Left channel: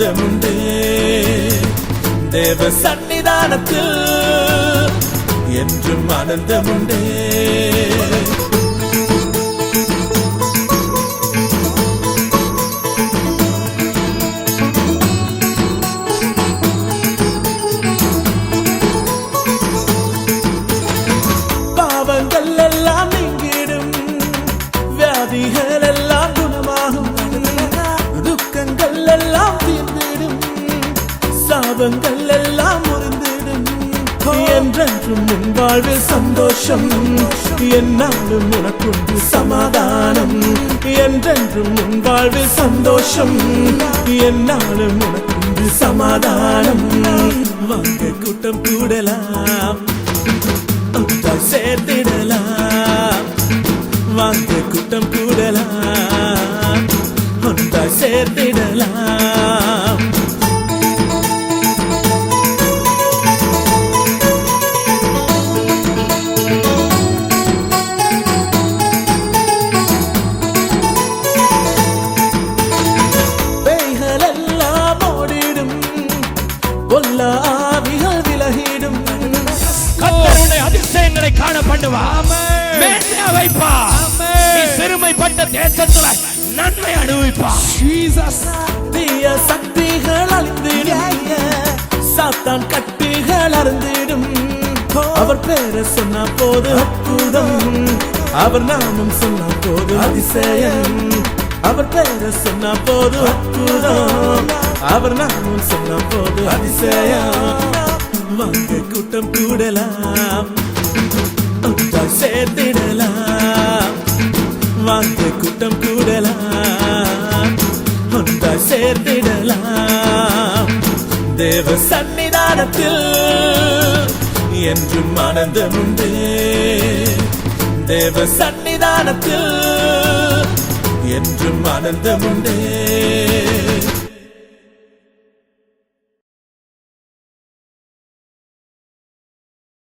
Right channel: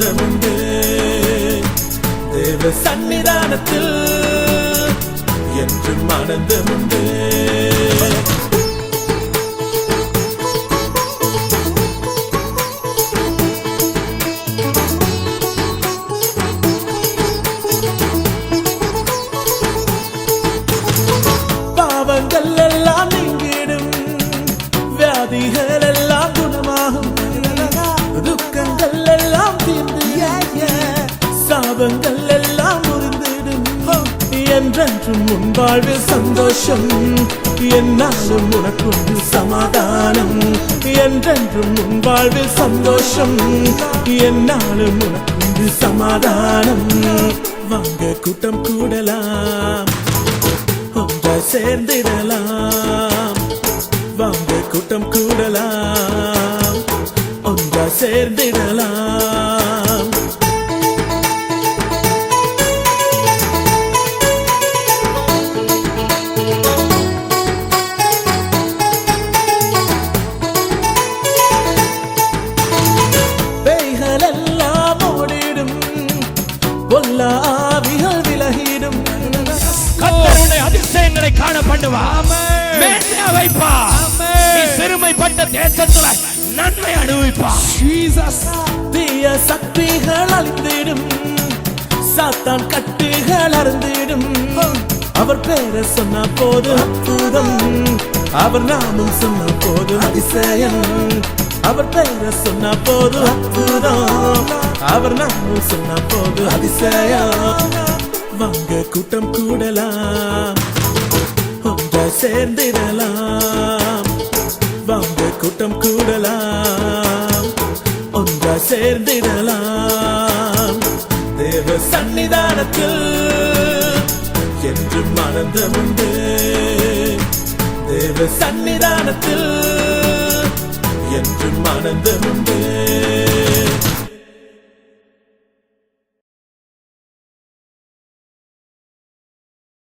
ஆனந்தமுண்டு தேவ சன்னிதானத்தில் என்றும் ஆனந்தமுண்டு. பாவங்கள் எல்லாம் நீங்கிடும், வியாதிகள் எல்லாம் குணமாகும், துக்கங்கள் எல்லாம் தீர்ந்திடும், சாபங்கள் எல்லாம் முறிந்திடும். என்றென்றும் உன் வாழ்வில் சந்தோஷம், என்னாலும் உனக்குண்டு சமாதானம். என்றென்றும் உன் வாழ்வில் சந்தோஷம், என்னாலும் உனக்குண்டு சமாதானம். வாங்க கூட்டம் கூடலாம், சேர்த்திடலாம். வாங்க கூட்டம் கூடலாம், ஒன்றா சேர்த்திடலாம். பேய்கள் எல்லாம் ஓடிடும், பொல்லா ஆவிகள் விலகிடும். கர்த்தருடைய அதிசயங்களை காண பண்ணுவார், மேன்மையா வைப்பார். நீ சிறுமைப்பட்ட தேசத்துல நன்மை அனுபவிப்பார். தீய சக்திகள் அழிந்திடும், சாத்தான் கட்டுகள் அறுந்திடும். அவர் பேரை சொன்ன போது அற்புதம், அவர் நாமம் சொன்ன போது அதிசயம். அவர் பேரை சொன்ன போது அற்புதம், அவர் நாமம் சொன்ன போது அதிசயம். வாங்க கூட்டம் கூடலாம், சேர்த்திடலாம். வாங்க கூட்டம் கூடலாம், ஒன்றா சேர்த்திடலாம். தேவ சன்னிதானத்தில் என்றும் ஆனந்தமுண்டு, தேவ சன்னிதானத்தில் என்றும் ஆனந்தமுண்டு.